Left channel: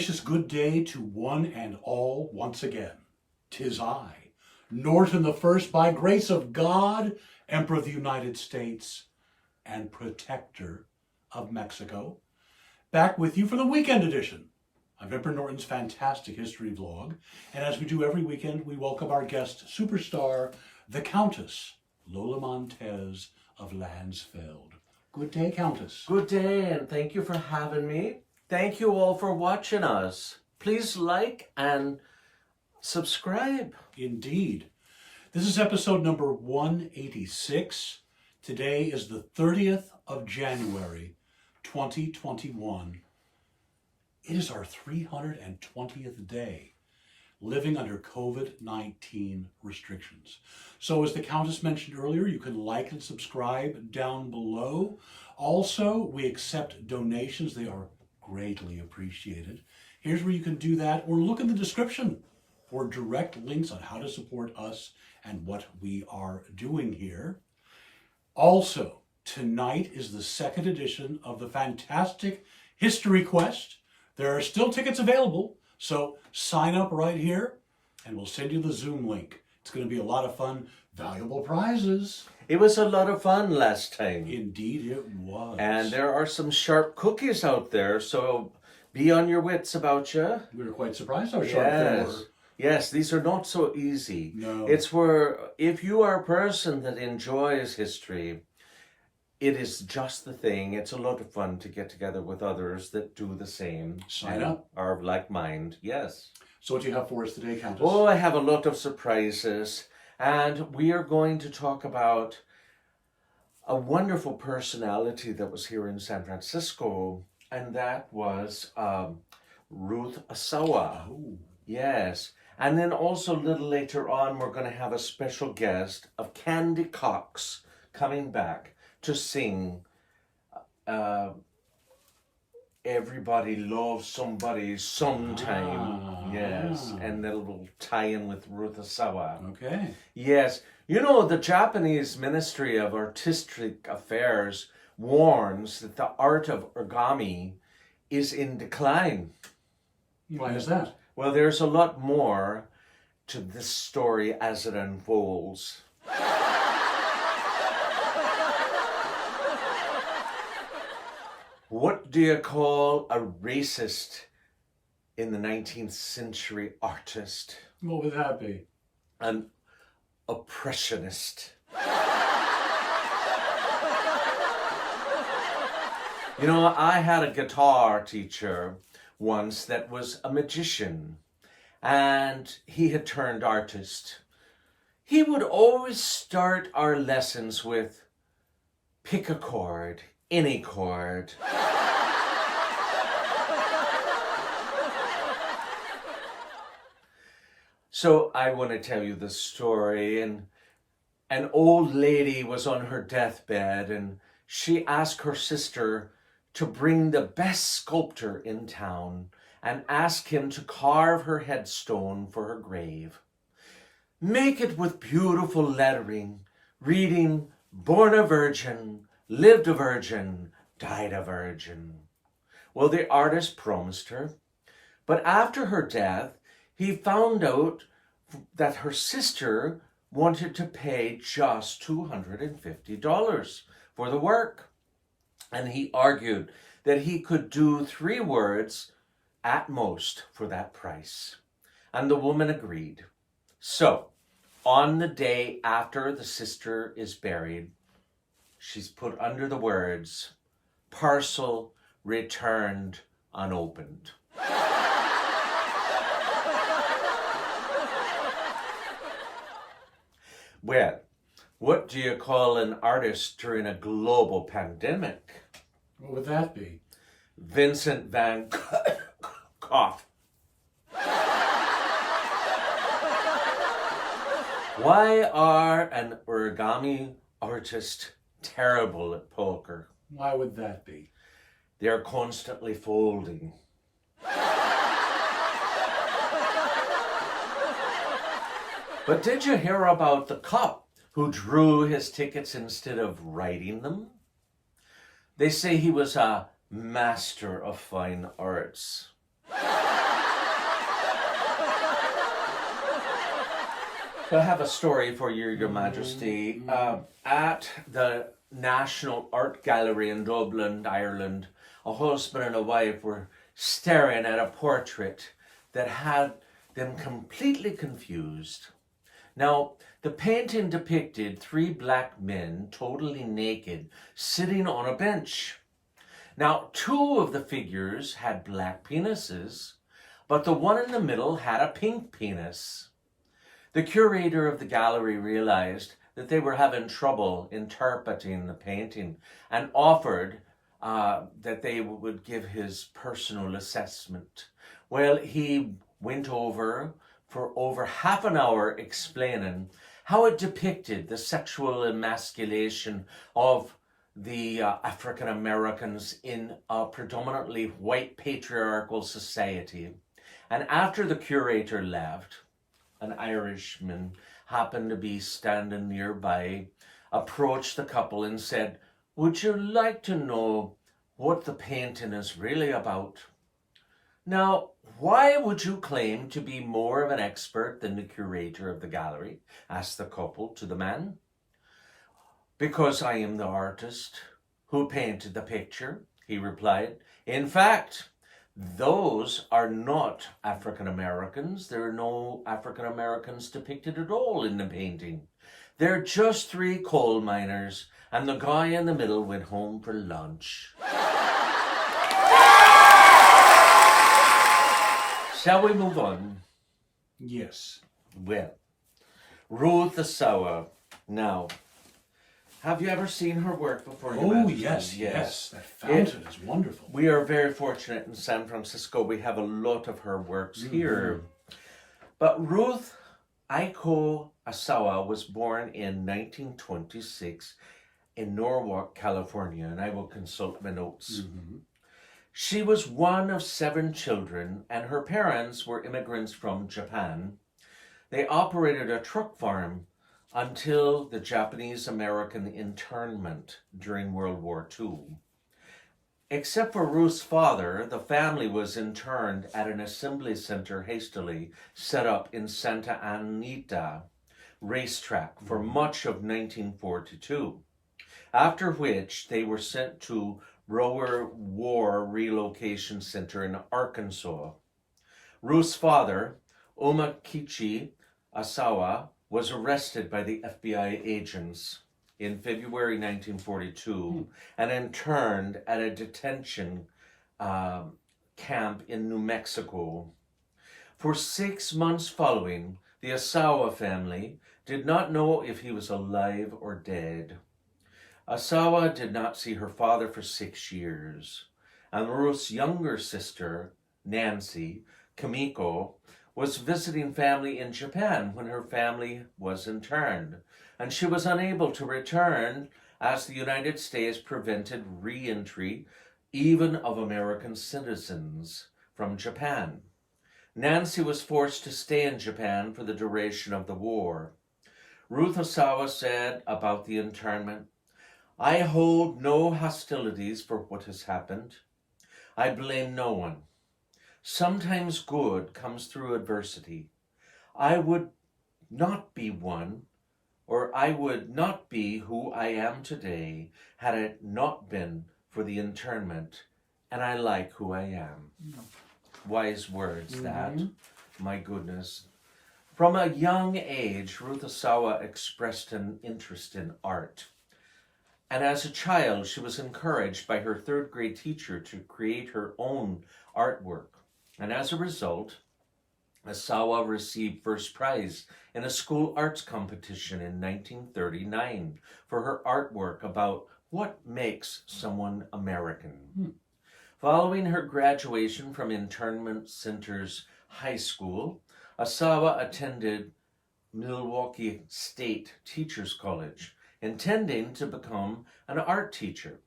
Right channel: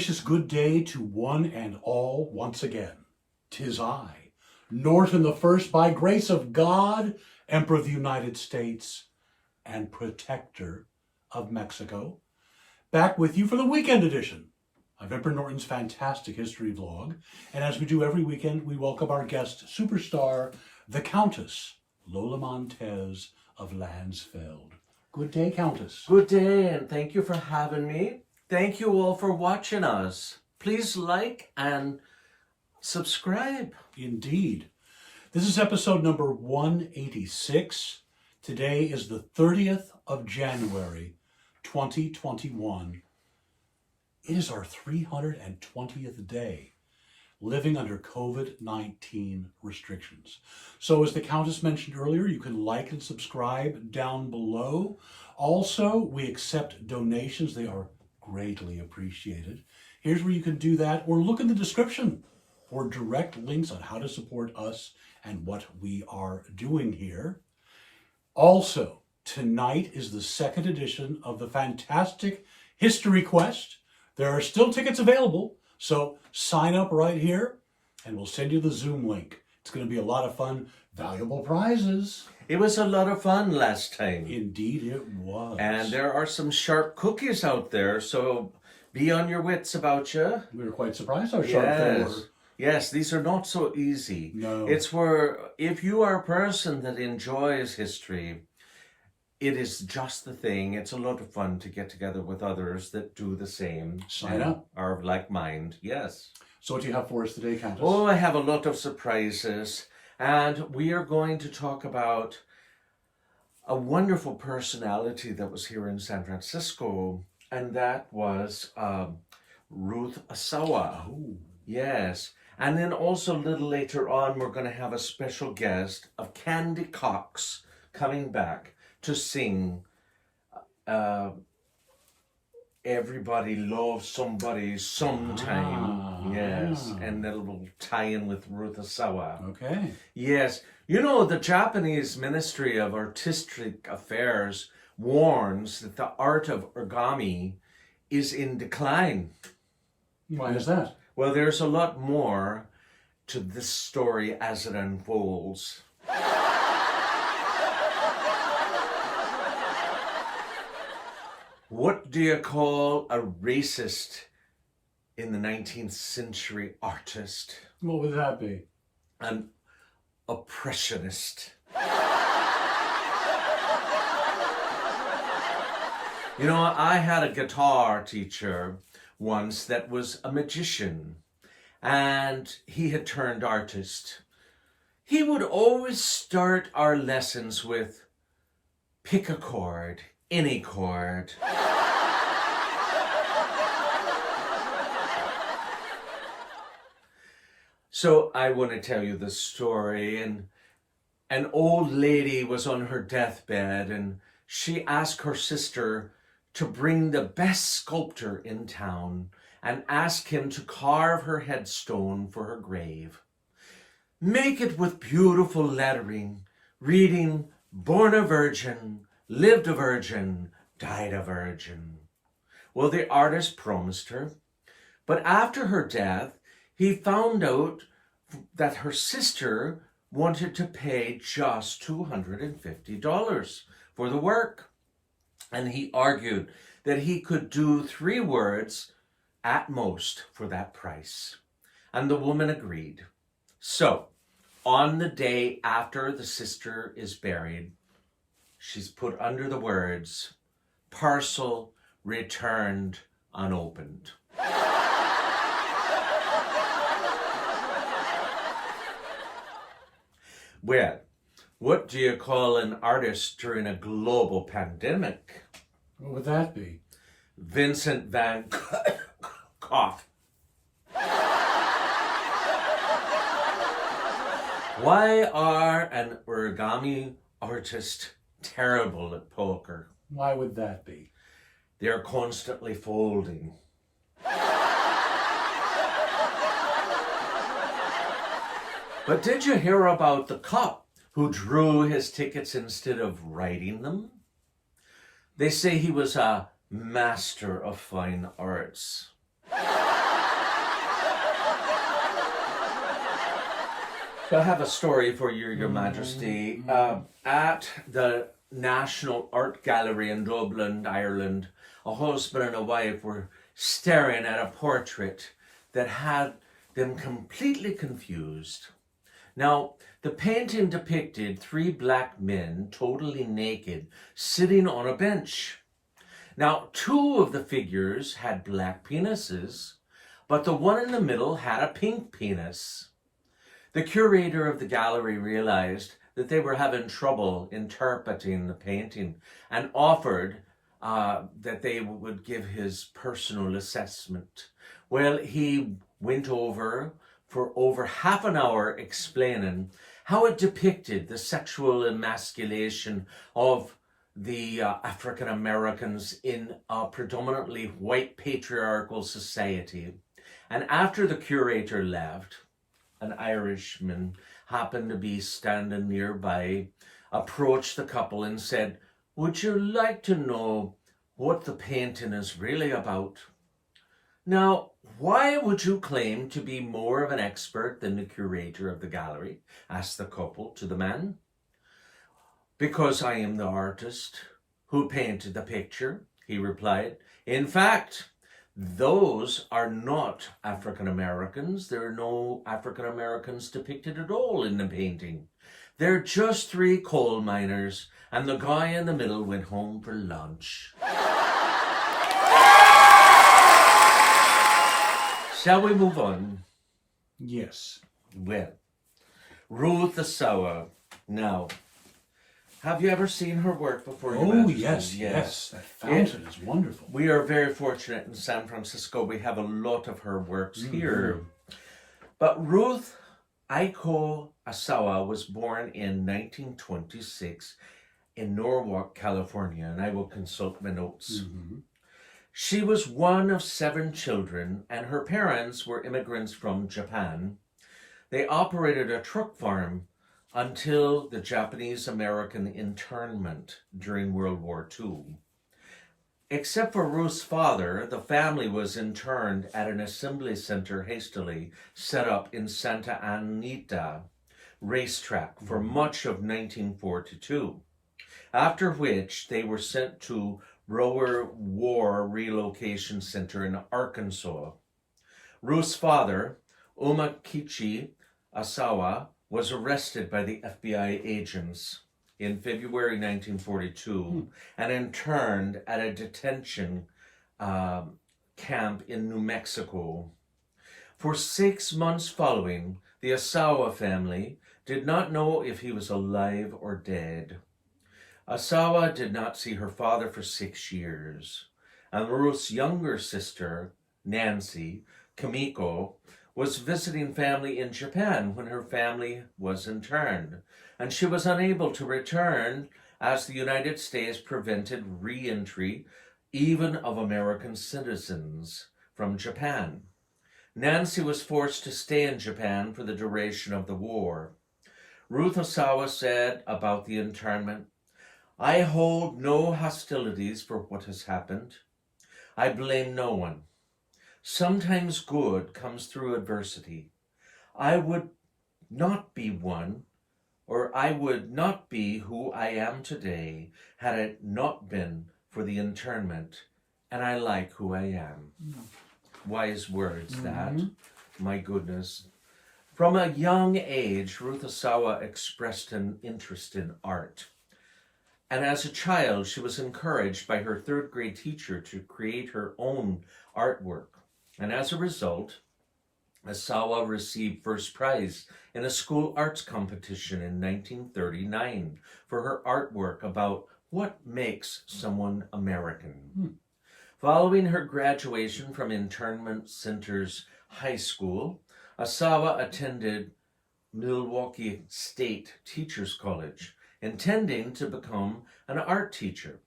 gracious good day to one and all once again. 'Tis I, Norton the First, by grace of God, Emperor of the United States and Protector of Mexico, back with you for the weekend edition of Emperor Norton's fantastic history vlog. And as we do every weekend, we welcome our guest superstar, the Countess, Lola Montez of Landsfeld. Good day, Countess. Good day, and thank you for having me. Thank you all for watching us. Please like and subscribe. Indeed. This is episode number 186. Today is the 30th of January, 2021. It is our 320th day living under COVID-19 restrictions. So as the Countess mentioned earlier, you can like and subscribe down below. Also, we accept donations. They are greatly appreciated. Here's where you can do that, or look in the description for direct links on how to support us and what we are doing here. Also, tonight is the second edition of the fantastic History Quest. There are still tickets available, so sign up right here and we'll send you the Zoom link. It's going to be a lot of fun, valuable prizes. It was a lot of fun last time. Indeed it was. And there are some sharp cookies out there, so be on your wits about you. We were quite surprised how sharp they were. Yes, these are not so easy. No. It's where, if you are a person that enjoys history, it is just the thing. It's a lot of fun to get together with others that do the same. Sign up. Are of like mind, yes. So what do you have for us today, Countess? Oh, I have a lot of surprises. And we are going to talk about a wonderful personality that was here in San Francisco. And that was Ruth Asawa. Oh. Yes. And then also a little later on, we're going to have a special guest of Candy Cox coming back to sing Everybody Loves Somebody Sometime. Yes. And that will tie in with Ruth Asawa. Okay. Yes. You know, the Japanese Ministry of Artistic Affairs warns that the art of origami is in decline. Why is that? Well, there's a lot more to this story as it unfolds. What do you call a racist in the 19th century artist? What would that be? An oppressionist. You know, I had a guitar teacher once that was a magician, and he had turned artist. He would always start our lessons with, pick a chord, any chord. So I want to tell you this story, and an old lady was on her deathbed, and she asked her sister to bring the best sculptor in town and ask him to carve her headstone for her grave. Make it with beautiful lettering, reading, born a virgin, lived a virgin, died a virgin. Well, the artist promised her, but after her death, he found out that her sister wanted to pay just $250 for the work. And he argued that he could do 3 words at most for that price. And the woman agreed. So, on the day after the sister is buried, she's put under the words, parcel returned unopened. Well, what do you call an artist during a global pandemic? What would that be? Vincent van Gogh. Why are an origami artist terrible at poker? Why would that be? They're constantly folding. But did you hear about the cop who drew his tickets instead of writing them? They say he was a master of fine arts. So I have a story for you, Your Majesty. At the National Art Gallery in Dublin, Ireland, a husband and a wife were staring at a portrait that had them completely confused. Now, the painting depicted three black men, totally naked, sitting on a bench. Now, two of the figures had black penises, but the one in the middle had a pink penis. The curator of the gallery realized that they were having trouble interpreting the painting and offered that they would give his personal assessment. Well, he went over for over half an hour explaining how it depicted the sexual emasculation of the African Americans in a predominantly white patriarchal society. And after the curator left, an Irishman happened to be standing nearby, approached the couple and said, "Would you like to know what the painting is really about?" Now, why would you claim to be more of an expert than the curator of the gallery? Asked the couple to the man. "Because I am the artist who painted the picture," he replied. "In fact, those are not African Americans. There are no African Americans depicted at all in the painting. They're just three coal miners, and the guy in the middle went home for lunch." Shall we move on? Yes. Well, Ruth Asawa. Now, have you ever seen her work before? Your Oh, Majesty? yes. That fountain is wonderful. We are very fortunate in San Francisco. We have a lot of her works here. But Ruth Aiko Asawa was born in 1926 in Norwalk, California, and I will consult my notes. She was one of 7 children, and her parents were immigrants from Japan. They operated a truck farm until the Japanese-American internment during World War II. Except for Ruth's father, the family was interned at an assembly center hastily set up in Santa Anita racetrack for much of 1942, after which they were sent to Rower War Relocation Center in Arkansas. Ruth's father, Umakichi Asawa, was arrested by the FBI agents in February 1942 and interned at a detention camp in New Mexico. For 6 months following, the Asawa family did not know if he was alive or dead. Asawa did not see her father for 6 years, and Ruth's younger sister, Nancy Kamiko, was visiting family in Japan when her family was interned, and she was unable to return as the United States prevented re-entry even of American citizens from Japan. Nancy was forced to stay in Japan for the duration of the war. Ruth Asawa said about the internment, "I hold no hostilities for what has happened. I blame no one. Sometimes good comes through adversity. I would not be one, or I would not be who I am today had it not been for the internment, and I like who I am." Wise words, that. My goodness. From a young age, Ruth Asawa expressed an interest in art. And as a child, she was encouraged by her 3rd grade teacher to create her own artwork. And as a result, Asawa received first prize in a school arts competition in 1939 for her artwork about what makes someone American. Following her graduation from Internment Center's high school, Asawa attended Milwaukee State Teachers College, intending to become an art teacher.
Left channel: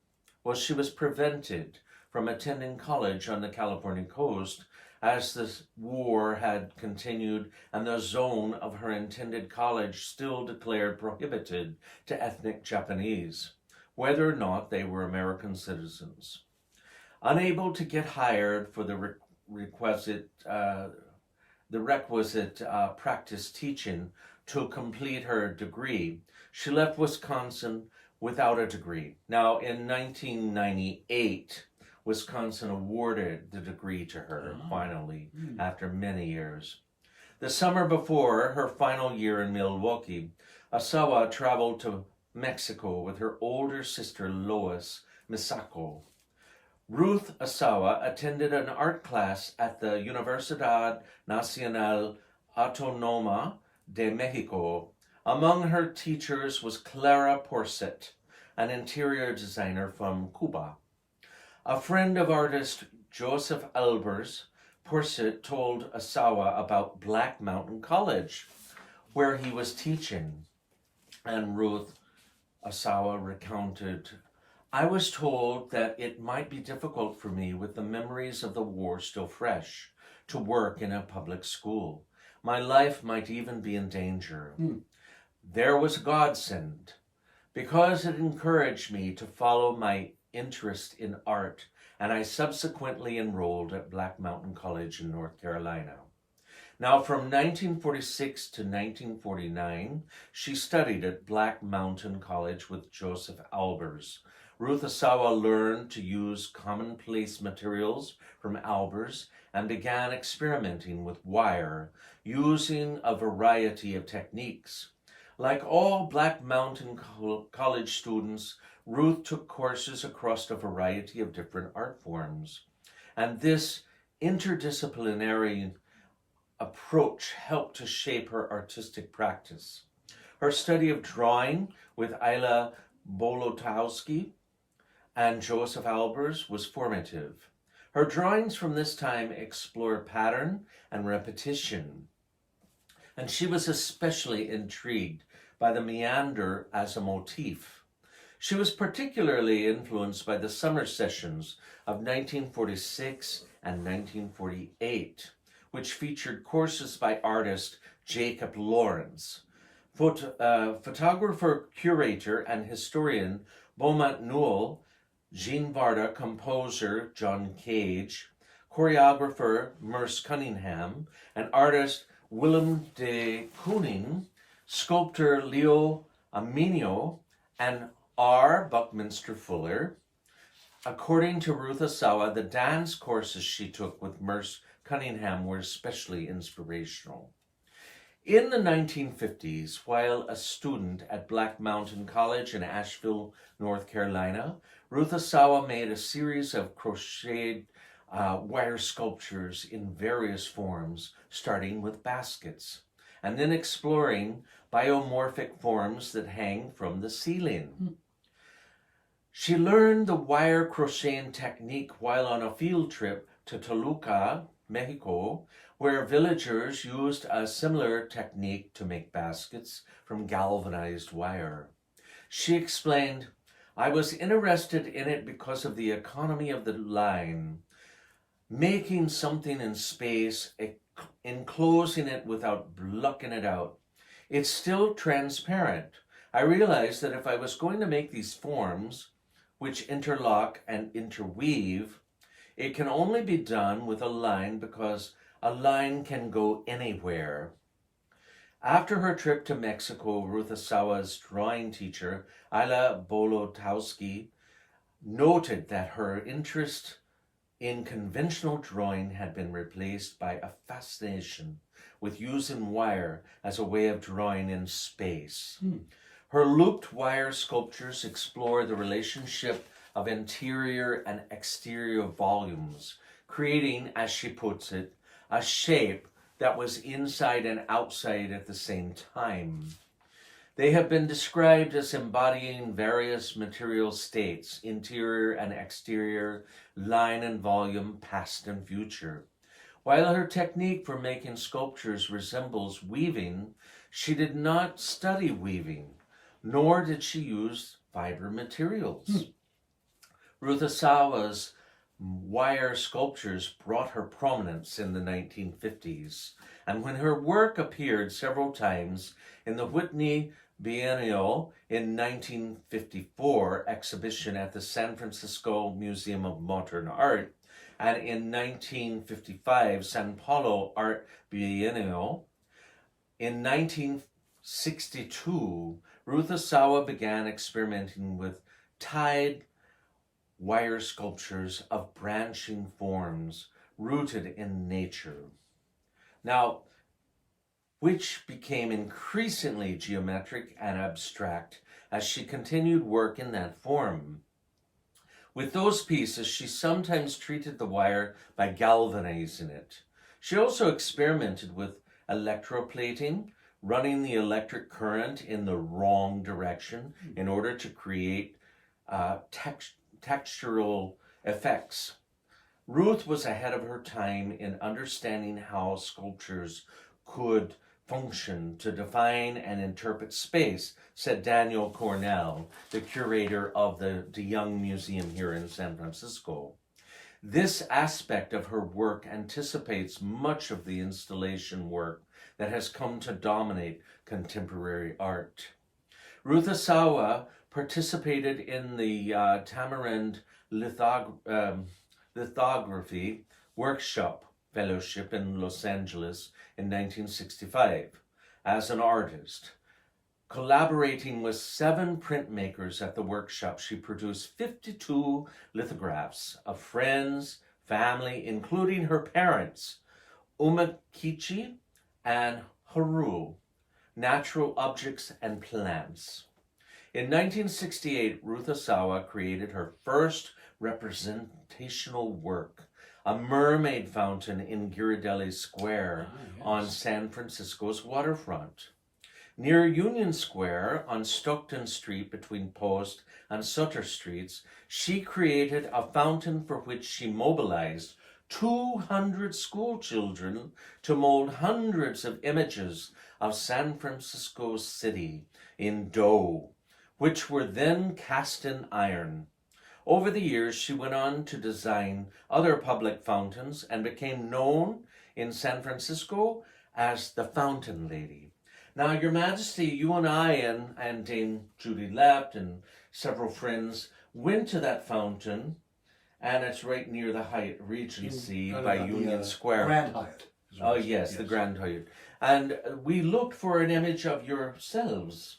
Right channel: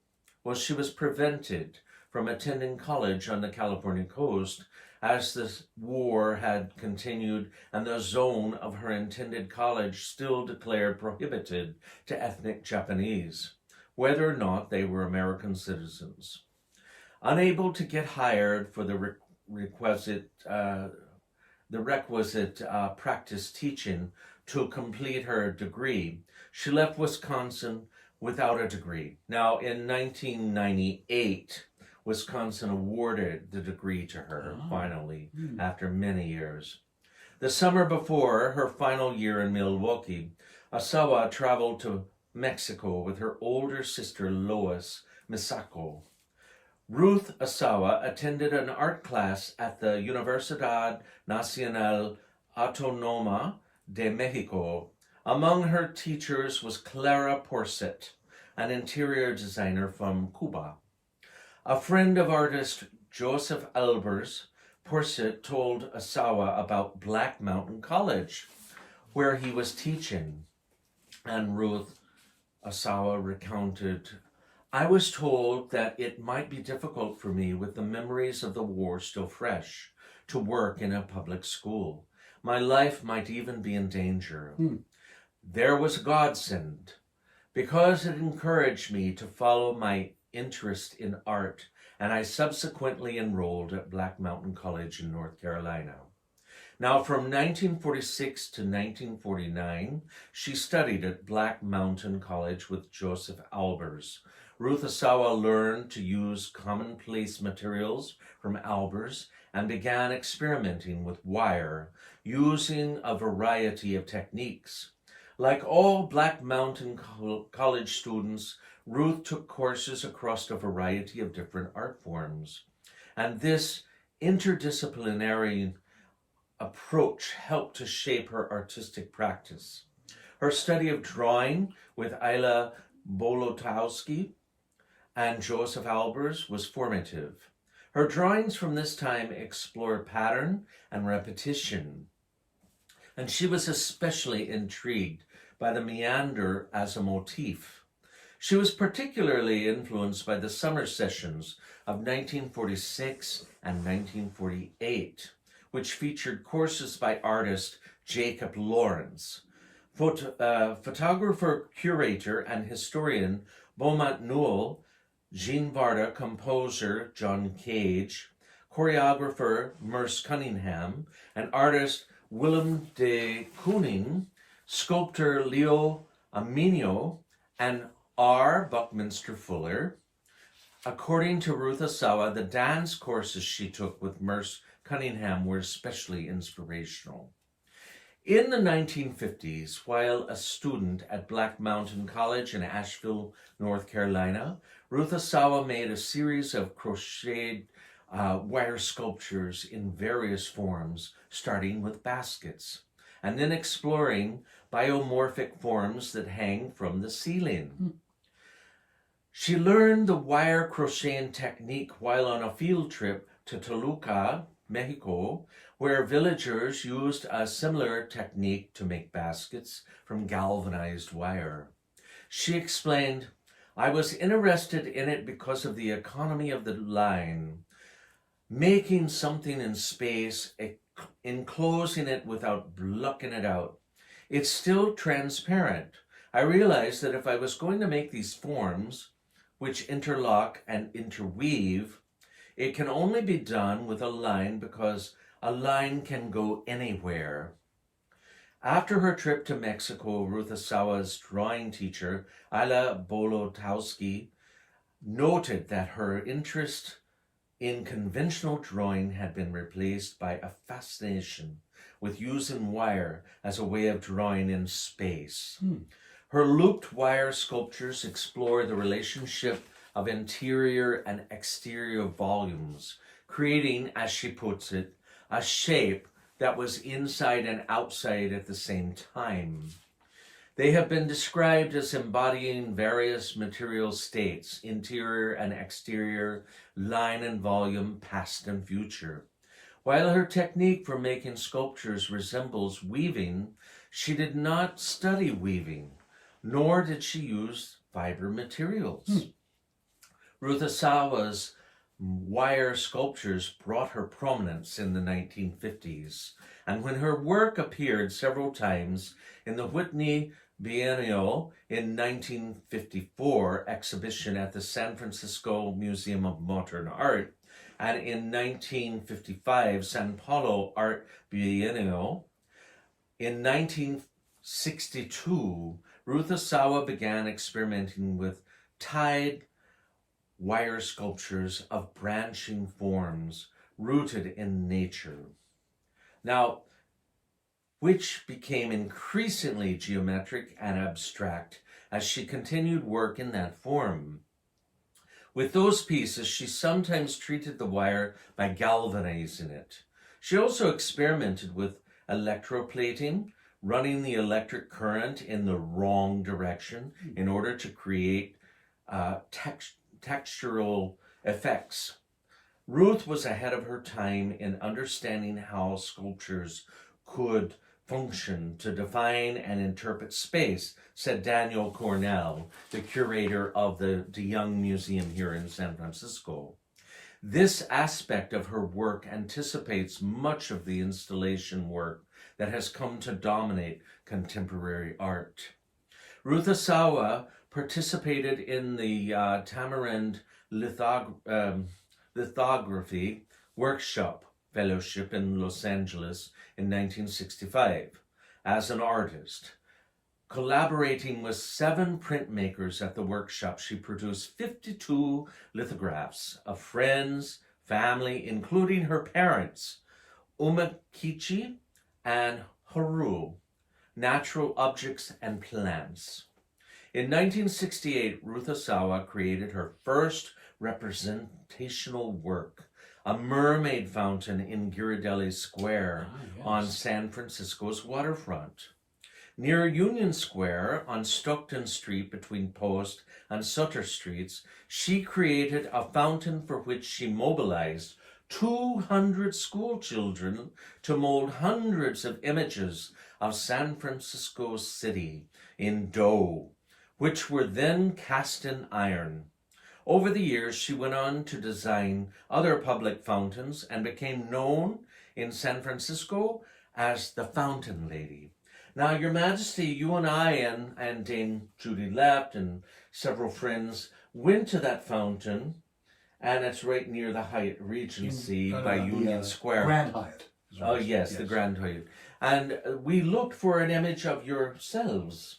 Well, she was prevented from attending college on the California coast as the war had continued and the zone of her intended college still declared prohibited to ethnic Japanese, whether or not they were American citizens. Unable to get hired for the requisite practice teaching, to complete her degree. She left Wisconsin without a degree. Now, in 1998, Wisconsin awarded the degree to her, finally, after many years. The summer before her final year in Milwaukee, Asawa traveled to Mexico with her older sister Lois Misako. Ruth Asawa attended an art class at the Universidad Nacional Autónoma de Mexico. Among her teachers was Clara Porcet, an interior designer from Cuba. A friend of artist Joseph Albers, Porcet told Asawa about Black Mountain College, where he was teaching. And Ruth Asawa recounted, "I was told that it might be difficult for me, with the memories of the war still fresh, to work in a public school. My life might even be in danger. There was a godsend, because it encouraged me to follow my interest in art, and I subsequently enrolled at Black Mountain College in North Carolina." Now, from 1946 to 1949, she studied at Black Mountain College with Joseph Albers. Ruth Asawa learned to use commonplace materials from Albers and began experimenting with wire, using a variety of techniques. Like all Black Mountain College students, Ruth took courses across a variety of different art forms, and this interdisciplinary approach helped to shape her artistic practice. Her study of drawing with Ila Bolotowski and Joseph Albers was formative. Her drawings from this time explore pattern and repetition, and she was especially intrigued by the meander as a motif. She was particularly influenced by the summer sessions of 1946 and 1948, which featured courses by artist Jacob Lawrence. Photographer, curator, and historian Beaumont Newell, Jean Varda, composer John Cage, choreographer Merce Cunningham, and artist Willem de Kooning, sculptor Leo Aminio, and R. Buckminster Fuller. According to Ruth Asawa, the dance courses she took with Merce Cunningham were especially inspirational. In the 1950s, while a student at Black Mountain College in Asheville, North Carolina, Ruth Asawa made a series of crocheted wire sculptures in various forms, starting with baskets, and then exploring biomorphic forms that hang from the ceiling. She learned the wire crocheting technique while on a field trip to Toluca, Mexico, where villagers used a similar technique to make baskets from galvanized wire. She explained, "I was interested in it because of the economy of the line, making something in space, enclosing it without blocking it out. It's still transparent. I realized that if I was going to make these forms, which interlock and interweave, it can only be done with a line because a line can go anywhere." After her trip to Mexico, Ruth Asawa's drawing teacher, Ila Bolotowski, noted that her interest in conventional drawing had been replaced by a fascination with using wire as a way of drawing in space. Her looped wire sculptures explore the relationship of interior and exterior volumes, creating, as she puts it, a shape that was inside and outside at the same time. They have been described as embodying various material states, interior and exterior, line and volume, past and future. While her technique for making sculptures resembles weaving, she did not study weaving, nor did she use fiber materials. Ruth Asawa's wire sculptures brought her prominence in the 1950s, and when her work appeared several times in the Whitney Biennial in 1954 exhibition at the San Francisco Museum of Modern Art, and in 1955 San Paulo Art Biennial, in 19 1962, Ruth Asawa began experimenting with tied wire sculptures of branching forms rooted in nature. Now, which became increasingly geometric and abstract as she continued work in that form. With those pieces, she sometimes treated the wire by galvanizing it. She also experimented with electroplating, running the electric current in the wrong direction in order to create textural effects. Ruth was ahead of her time in understanding how sculptures could function to define and interpret space, said Daniel Cornell, the curator of the De Young Museum here in San Francisco. This aspect of her work anticipates much of the installation work that has come to dominate contemporary art. Ruth Asawa participated in the Tamarind Lithography Workshop Fellowship in Los Angeles in 1965 as an artist. Collaborating with 7 printmakers at the workshop, she produced 52 lithographs of friends, family, including her parents, Umakichi and Haru, natural objects and plants. In 1968, Ruth Asawa created her first representational work, a mermaid fountain in Ghirardelli Square on San Francisco's waterfront. Near Union Square on Stockton Street between Post and Sutter Streets, she created a fountain for which she mobilized 200 school children to mold hundreds of images of San Francisco City in dough, which were then cast in iron. Over the years, she went on to design other public fountains and became known in San Francisco as the Fountain Lady. Now, Your Majesty, you and I and Dame Judy Lept and several friends went to that fountain, and it's right near the Hyatt Regency by Union Square. Grand Hyatt. Oh, yes, the Grand Hyatt. And we looked for an image of yourselves.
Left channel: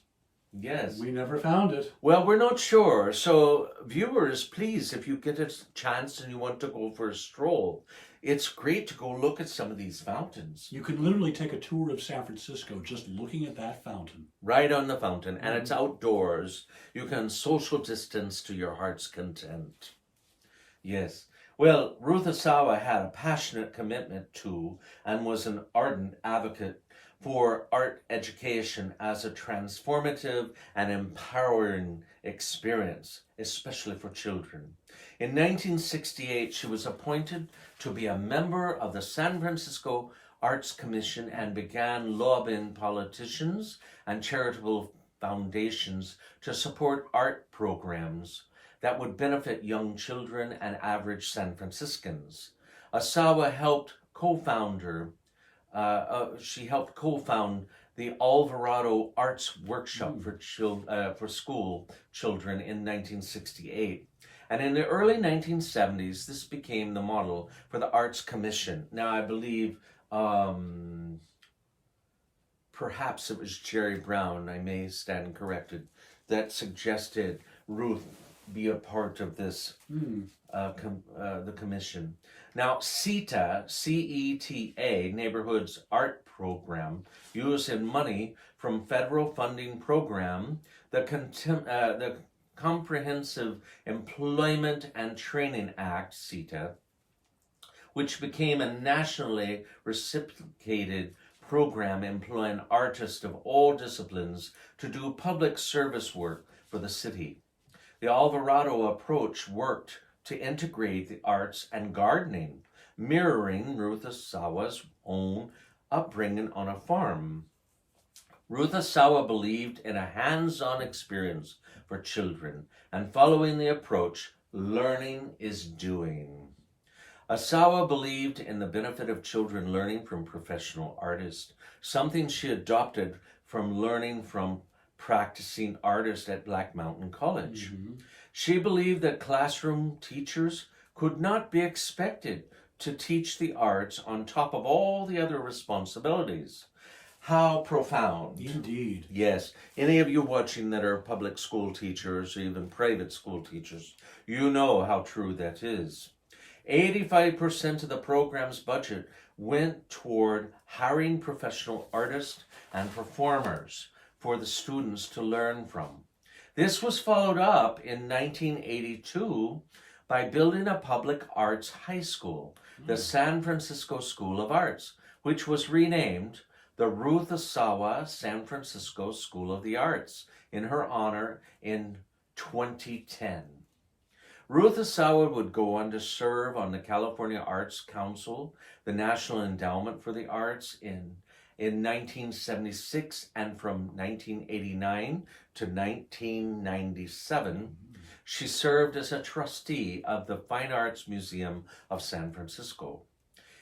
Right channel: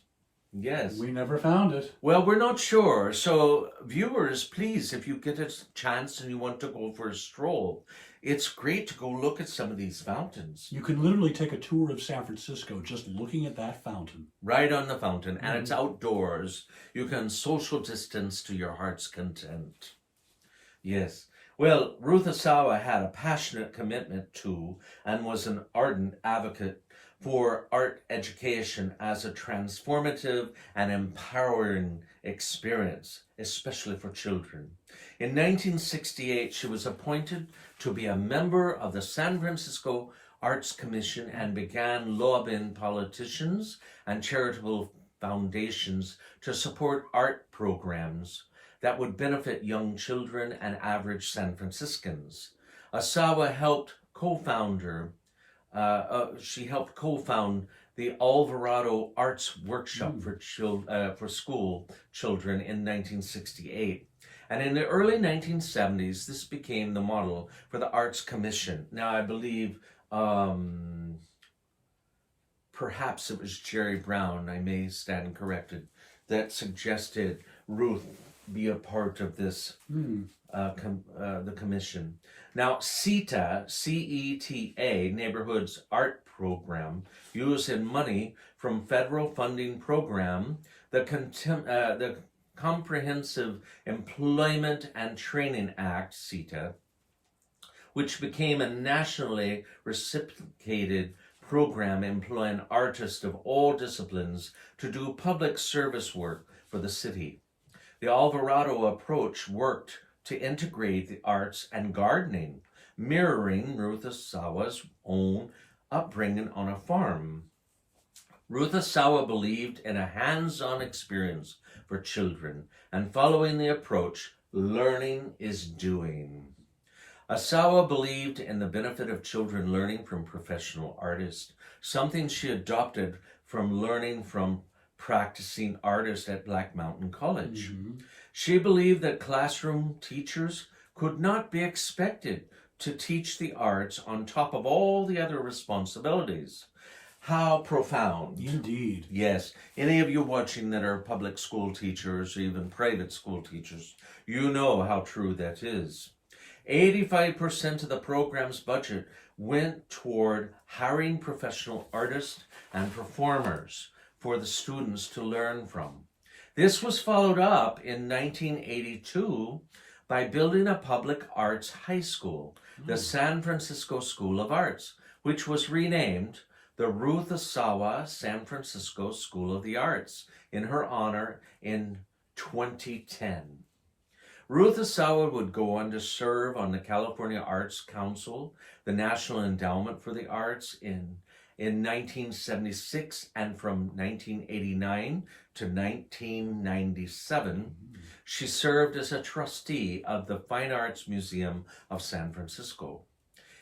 Yes. We never found it. Well, we're not sure. So, viewers, please, if you get a chance and you want to go for a stroll, it's great to go look at some of these fountains. You can literally take a tour of San Francisco just looking at that fountain. Right on the fountain, and it's outdoors. You can social distance to your heart's content. Yes. Well, Ruth Asawa had a passionate commitment to and was an ardent advocate for art education as a transformative and empowering experience, especially for children. In 1968, she was appointed to be a member of the San Francisco Arts Commission and began lobbying politicians and charitable foundations to support art programs that would benefit young children and average San Franciscans. Asawa helped co-found the Alvarado Arts Workshop for school children in 1968. And in the early 1970s, this became the model for the Arts Commission. Now, I believe perhaps it was Jerry Brown, I may stand corrected, that suggested Ruth be a part of this, the commission. Now, CETA, C-E-T-A, Neighborhoods Art Program, using money from federal funding program, the Comprehensive Employment and Training Act, CETA, which became a nationally reciprocated program employing artists of all disciplines to do public service work for the city. The Alvarado approach worked to integrate the arts and gardening, mirroring Ruth Asawa's own upbringing on a farm. Ruth Asawa believed in a hands-on experience for children, and following the approach, learning is doing. Asawa believed in the benefit of children learning from professional artists, something she adopted from learning from practicing artists at Black Mountain College. She believed that classroom teachers could not be expected to teach the arts on top of all the other responsibilities. How profound. Indeed. Yes. Any of you watching that are public school teachers or even private school teachers, you know how true that is. 85% of the program's budget went toward hiring professional artists and performers for the students to learn from. This was followed up in 1982 by building a public arts high school, the San Francisco School of Arts, which was renamed the Ruth Asawa San Francisco School of the Arts in her honor in 2010. Ruth Asawa would go on to serve on the California Arts Council, the National Endowment for the Arts in 1976, and from 1989 to 1997, she served as a trustee of the Fine Arts Museum of San Francisco.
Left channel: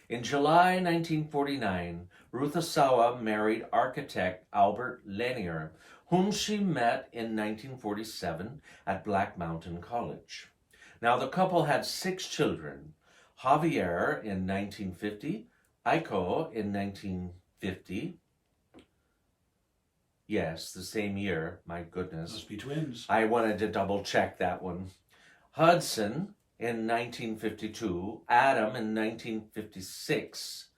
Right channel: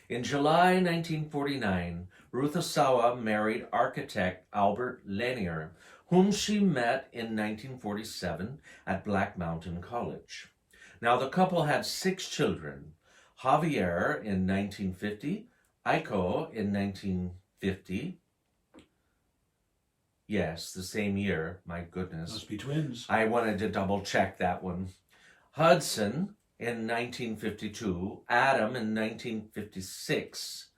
In July 1949, Ruth Asawa married architect Albert Lanier, whom she met in 1947 at Black Mountain College. Now, the couple had 6 children: Javier in 1950, Aiko in 1950. Yes, the same year. My goodness. Must be twins. I wanted to double check that one. Hudson in 1952, Adam in 1956,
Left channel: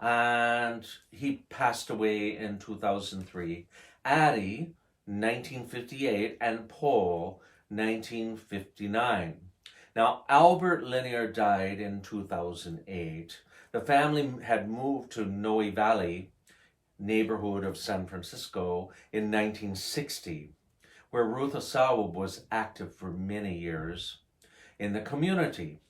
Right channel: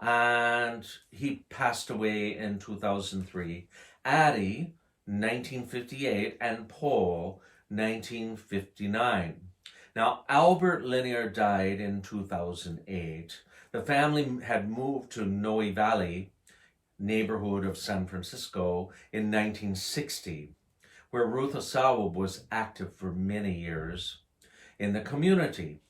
and he passed away in 2003. Addie, 1958, and Paul, 1959. Now, Albert Lanier died in 2008. The family had moved to Noe Valley neighborhood of San Francisco in 1960, where Ruth Asawa was active for many years in the community.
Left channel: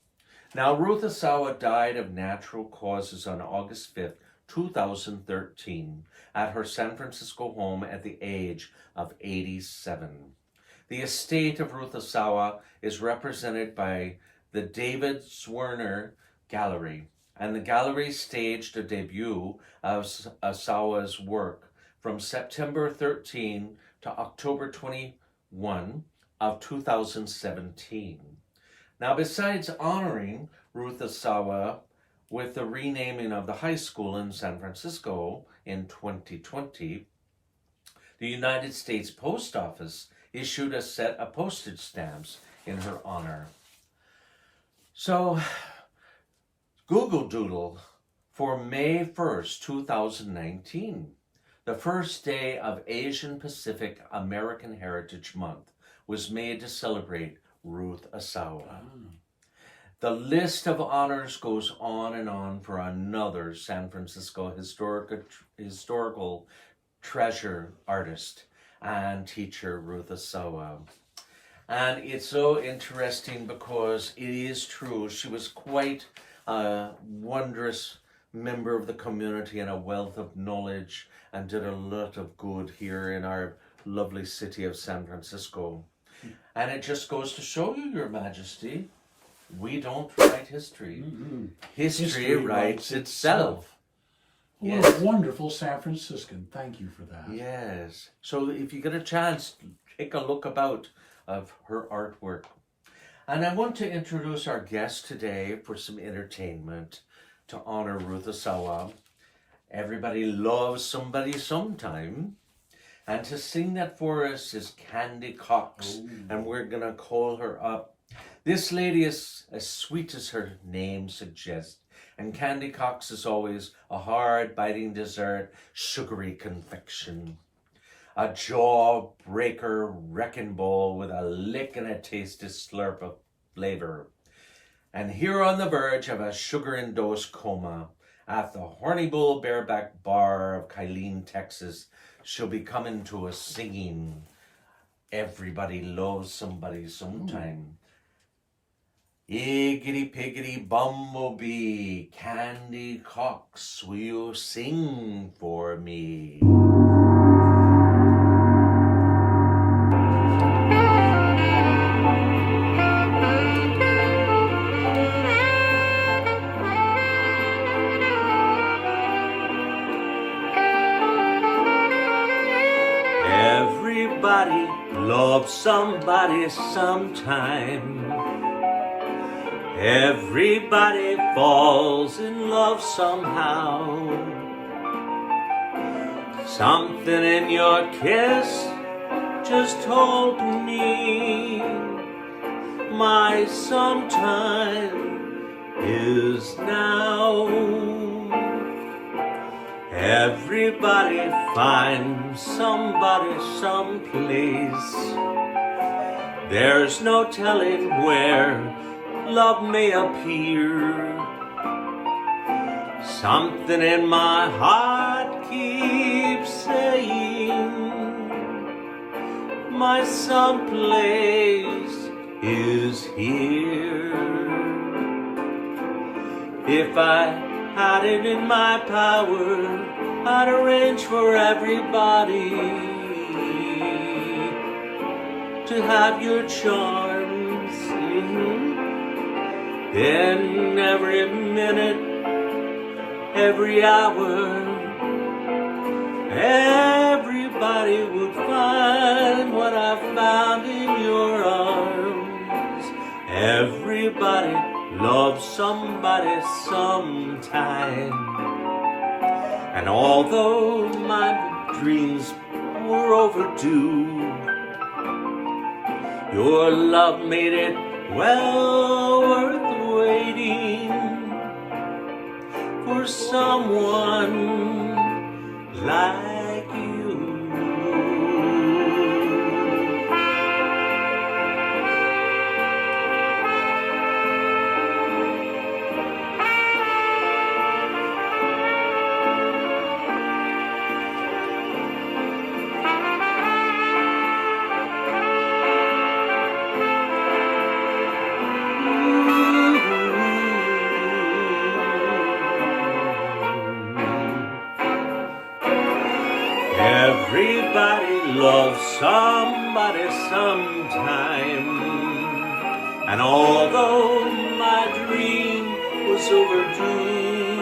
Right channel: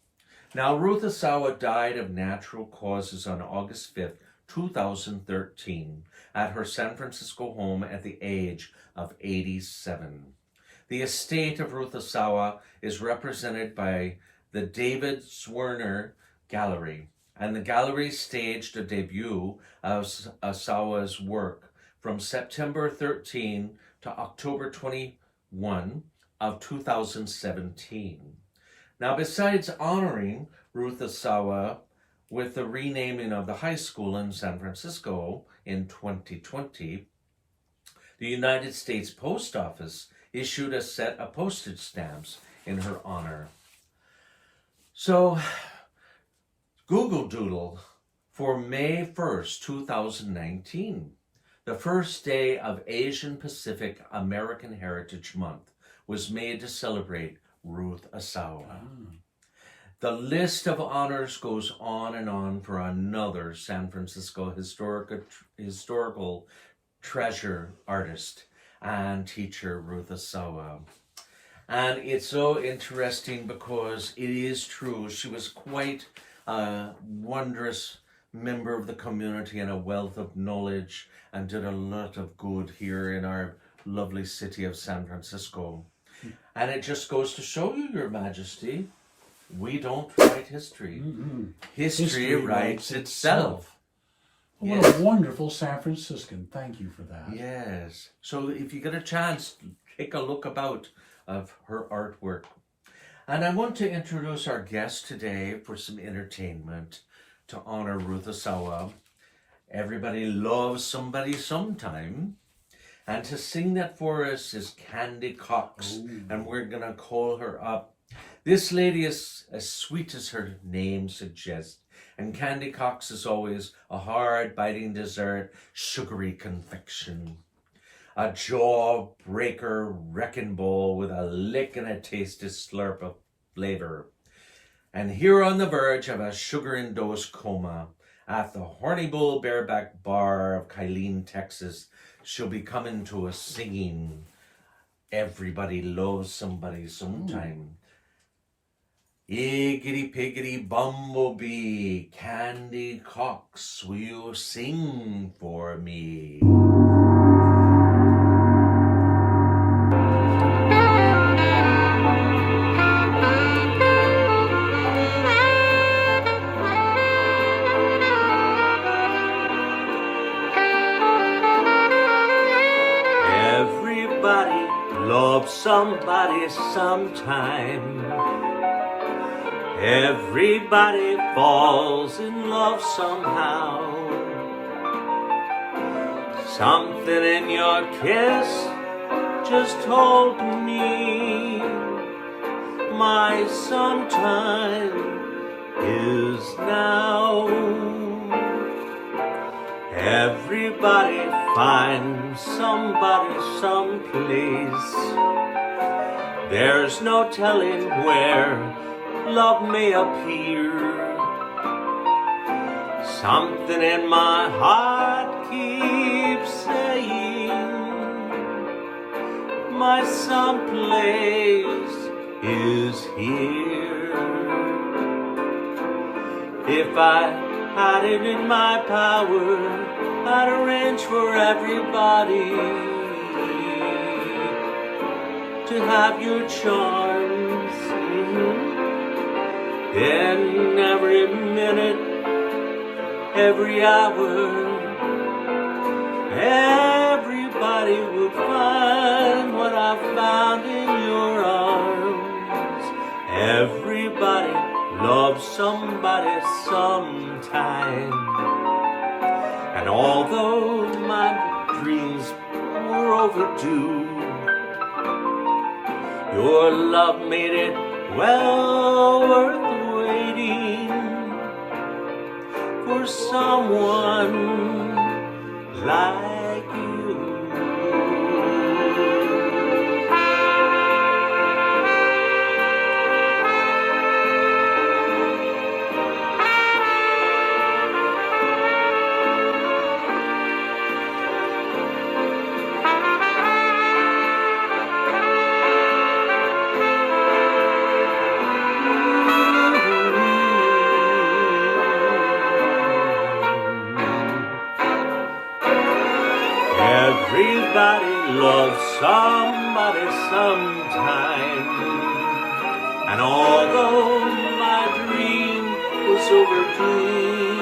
Now, Ruth Asawa died of natural causes on August 5th, 2013, at her San Francisco home at the age of 87. The estate of Ruth Asawa is represented by the David Zwerner Gallery, and the gallery staged a debut of Asawa's work from September 13 to October 21 of 2017. Now, besides honoring Ruth Asawa with the renaming of the high school in San Francisco in 2020, the United States Post Office issued a set of postage stamps in her honor. So, Google Doodle for May 1st, 2019, the first day of Asian Pacific American Heritage Month, was made to celebrate Ruth Asawa. The list of honors goes on and on for another San Francisco historical treasure artist and teacher, Ruth Asawa. And it's so interesting because it is true. She was quite a wondrous member of the community and a wealth of knowledge, and did a lot of good here in our lovely city of San Francisco. And it just goes to show you, Your Majesty, we don't write history. Mm-hmm. History writes itself. What Yes. a wonderful San Franciscan. Thank you for that. Yes. So if you get a chance, take a look about of her artwork. And I want to introduce our guest today for some entertainment to honor Ruth Asawa. Everybody loves somebody sometime. And to sing that for us is Candy Cox. And we're going to call her up. This lady is as sweet as her name suggests. And Candy Cox is always a hard biting dessert, sugary confection. A jaw breaker wrecking ball with a lick and a tasty slurp of flavor. And here on the verge of a sugar-induced coma at the Horny Bull Bareback Bar of Kylene, Texas, she'll be coming to us singing Everybody Loves Somebody Sometime. Iggity piggity bumblebee, Candy Cox, will you sing for me? Everybody loves somebody sometime. Everybody falls in love somehow. Something in your kiss just told me my sometime is now. Everybody finds somebody someplace. There's no telling where love may appear. Something in my heart keeps saying my someplace is here. If I had it in my power, I'd arrange for everybody to have your charms. Then every minute, every hour, everybody would find what I found in your arms. Everybody loves somebody sometime. And although my dreams were overdue, your love made it well worth waiting for someone like you. Everybody loves somebody sometime. And although my dream was overdue,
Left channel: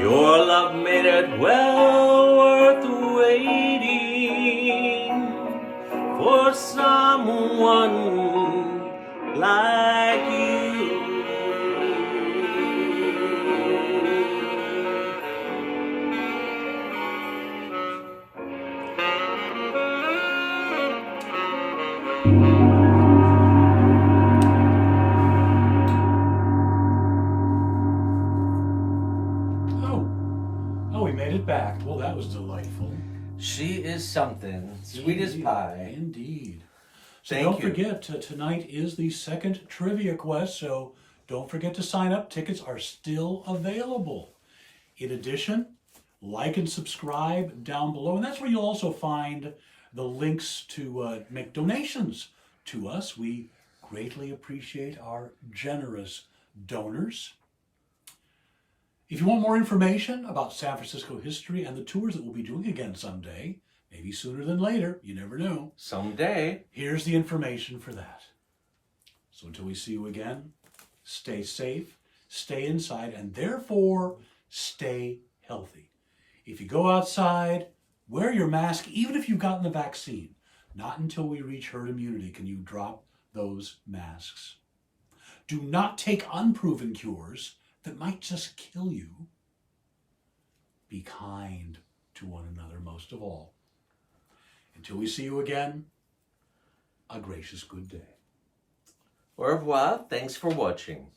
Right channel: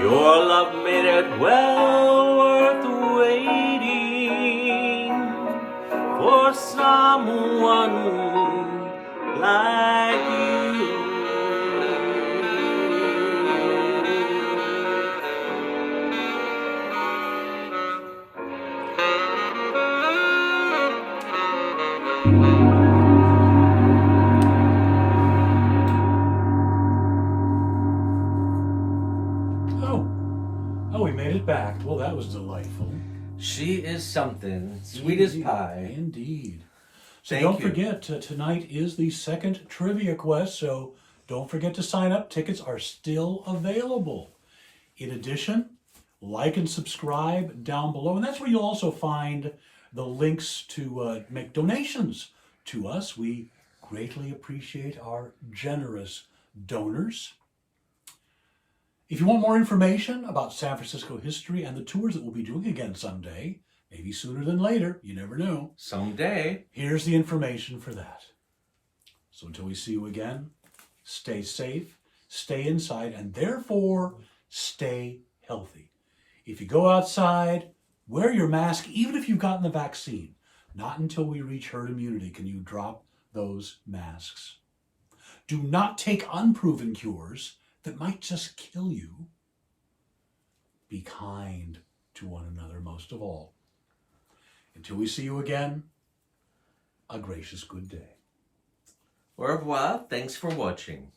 your love made it well worth waiting for someone like you. Oh, we made it back. Well, that was delightful. She is something. Sweet as pie. Indeed. So Thank don't you. forget, tonight is the second trivia quest, so don't forget to sign up. Tickets are still available. In addition, like and subscribe down below, and that's where you'll also find the links to make donations to us. We greatly appreciate our generous donors. If you want more information about San Francisco history and the tours that we'll be doing again someday, maybe sooner than later, you never know, Someday. here's the information for that. So until we see you again, stay safe, stay inside, and therefore stay healthy. If you go outside, wear your mask, even if you've gotten the vaccine. Not until we reach herd immunity can you drop those masks. Do not take unproven cures that might just kill you. Be kind to one another most of all. Until we see you again, a gracious good day. Au revoir. Thanks for watching.